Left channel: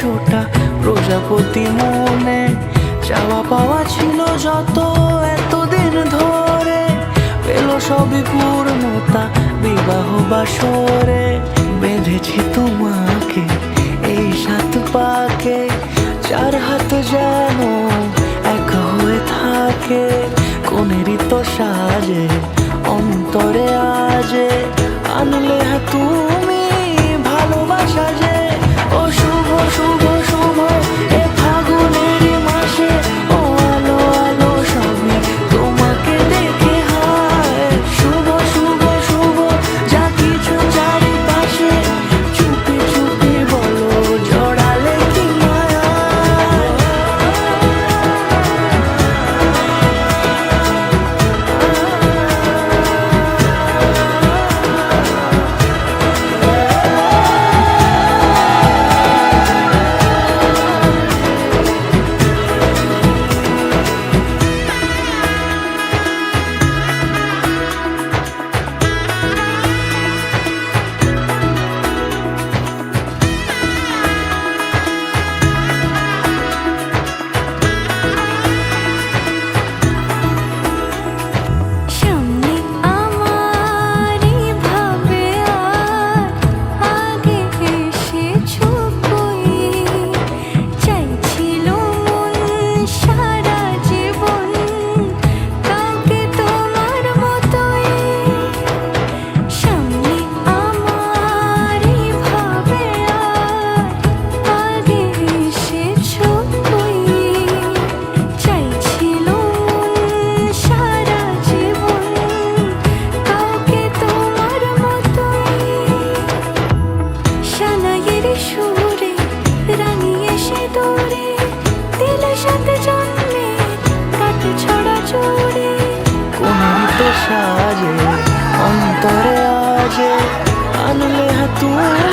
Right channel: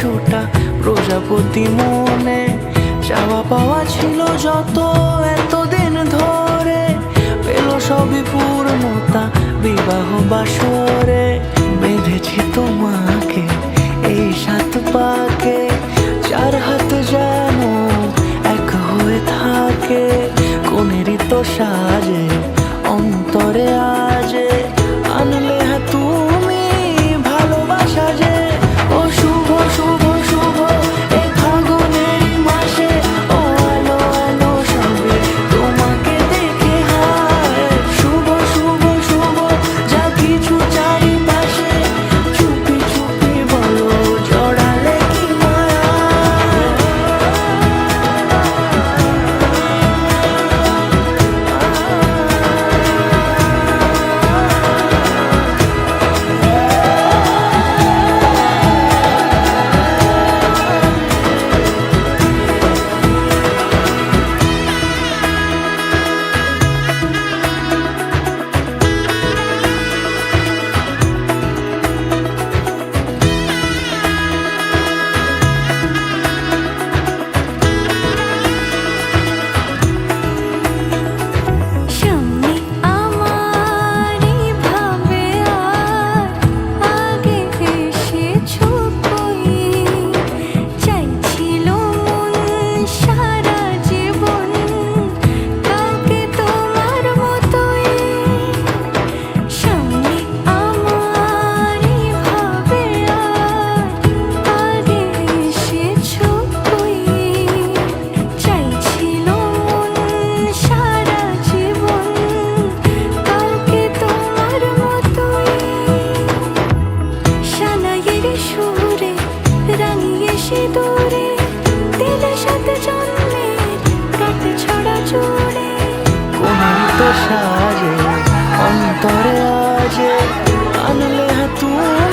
100টা প্রজাপতি মনে, চাওয়া পাওয়া ছিল যত এতদিন ধরে, পেল সবই পূর্ণতা বিবাহ বাসরে। বেঁধেছি তোমাকে এই 7 পাকে, 4 হাত যেন এক হয়ে থাকে। কোনেরই তো সাজে অন্তরে আজে, আনলে তুমি ভালোবাসা যে। ও শুভ শুভ শুভ এ ফাগুনেরই মাসে, ও আলো আলো সবই তোমাকে দেখে হায়। শুভ শুভ শুভ যা কিছু চারিপাশে, চুপি চুপি বলো জড়ালে কি মায়া। সুরে রাঙিয়ে সে দূরে দিলে 7 জন্মের কাট ছড়া জুড়ে। কোনেরই তো সাজে অন্তরে আজে, আনলে তুমি